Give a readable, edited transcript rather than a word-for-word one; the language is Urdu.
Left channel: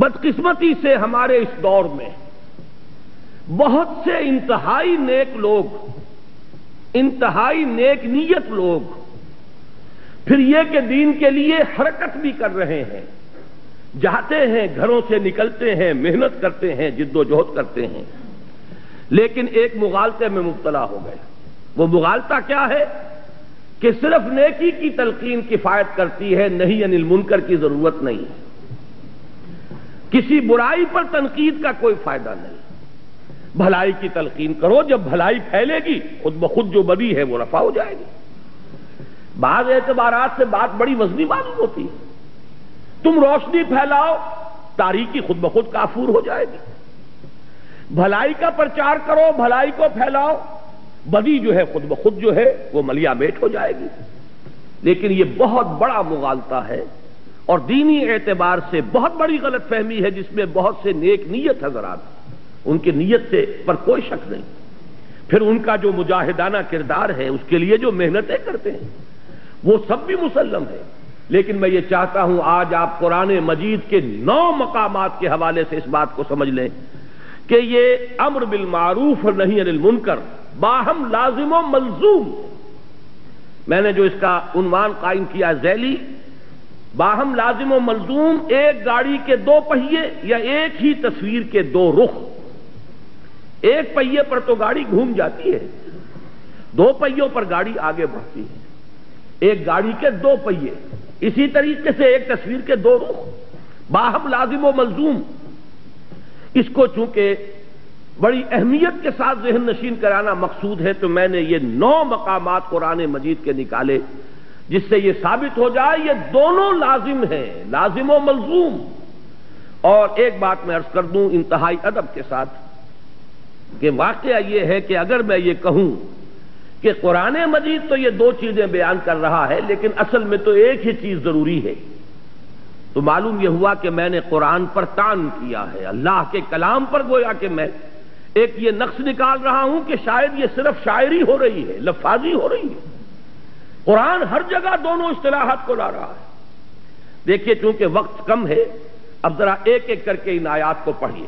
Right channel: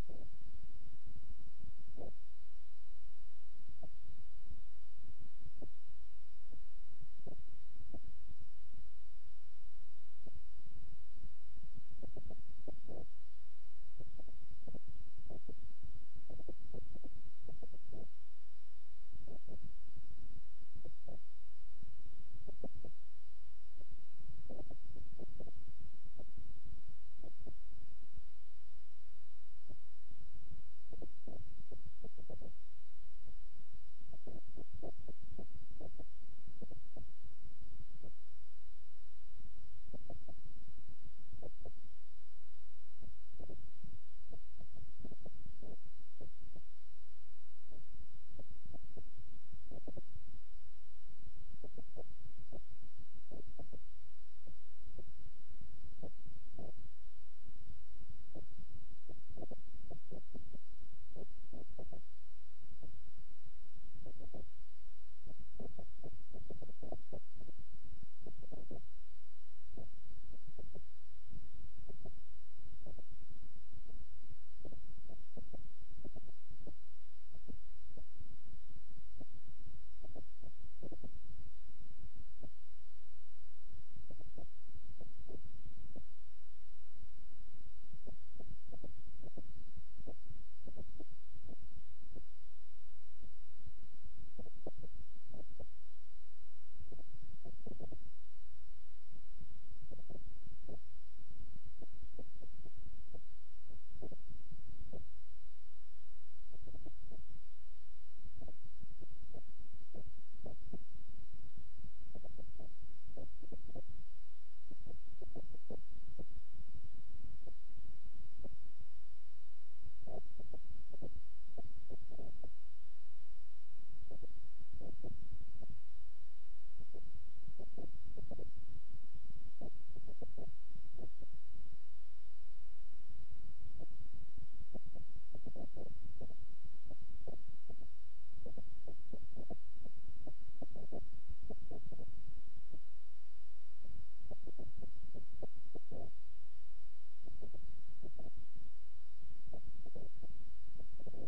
بدقسمتی سے ہمارے اس دور میں بہت سے انتہائی نیک لوگ، انتہائی نیک نیت لوگ، پھر یہ کہ دین کے لیے حرکت بھی کر رہے ہیں، جاتے ہیں، گھروں سے نکلتے ہیں، محنت کرتے ہیں، جد و جہد کرتے ہیں، لیکن ایک مغالطے میں مبتلا ہو گئے۔ وہ مغالطہ کیا ہے کہ صرف نیکی کی تلقین کفایت کرتی ہے، نہی عن المنکر کی ضرورت نہیں ہے۔ کسی برائی پر تنقید کا کوئی فائدہ نہیں، بھلائی کی تلقین کرو، جب بھلائی پھیلے گی خود بخود جو بدی ہے وہ رفع ہو جائے گی۔ بعض اعتبارات سے بات بڑی وزنی معلوم ہوتی ہے، تم روشنی پھیلاؤ، تاریکی خود بخود کافور ہو جائے گی۔ بھلائی کا پرچار کرو، بھلائی کو پھیلاؤ، بدی جو ہے خود بخود جو ہے وہ ملیا میٹ ہو جائے گی۔ لیکن یہ بہت بڑا مغالطہ ہے اور دینی اعتبار سے بہت بڑی غلط فہمی ہے، جس میں بہت سے نیک نیت حضرات، ان کی نیت سے پر کوئی شک نہیں، پھر ان کا جو مجاہدانہ کردار ہے، اس کے لیے جو محنتیں کرتے ہیں وہ سب بھی مسلم ہے۔ لیکن میں یہ چاہتا ہوں آج آپ قرآن مجید کے 9 مقامات کے حوالے سے اس بات کو سمجھ لیں کہ یہ امر بالمعروف اور نہی عن المنکر باہم لازم و ملزوم، میں نے جو اس کا عنوان قائم کیا ذیلی، باہم لازم و ملزوم، ایک گاڑی کے 2 پہیے یا ایک ہی تصویر کے 2 رخ۔ ایک پہیے پر تو گاڑی گھوم جاتی ہے، 2 پہیوں پر گاڑی آگے بڑھتی ہے۔ ایک گاڑی کے 2 پہیے، اسی طریقے سے ایک تصویر کے 2 رخ، باہم لازم و ملزوم۔ اس کو چونکہ بڑی اہمیت کے ساتھ ذہن نشین کرانا مقصود ہے، تو میں نے یہ 9 مقامات قرآن مجید کے نکالے، جس سے یہ ثابت ہو جائے یہ دونوں لازم ہیں، لازم و ملزوم۔ اور ایک بات میں عرض کر دوں انتہائی ادب کے ساتھ کہ واقعہ یہ ہے کہ اگر میں یہ کہوں کہ قرآن مجید تو یہ 2 چیزیں بیان کر رہا ہے، لیکن اصل میں تو ایک ہی چیز ضروری ہے، تو معلوم یہ ہوا کہ میں نے قرآن پر طعن کیا ہے، اللہ کے کلام پر گویا کہ میں ایک یہ نقص نکال رہا ہوں کہ شاید یہ صرف شاعری ہو رہی ہے، لفاظی ہو رہی ہے۔ قرآن ہر جگہ دونوں اصطلاحات کو لا رہا ہے۔ دیکھیے چونکہ وقت کم ہے، اب ذرا ایک ایک کر کے ان آیات کو پڑھیے۔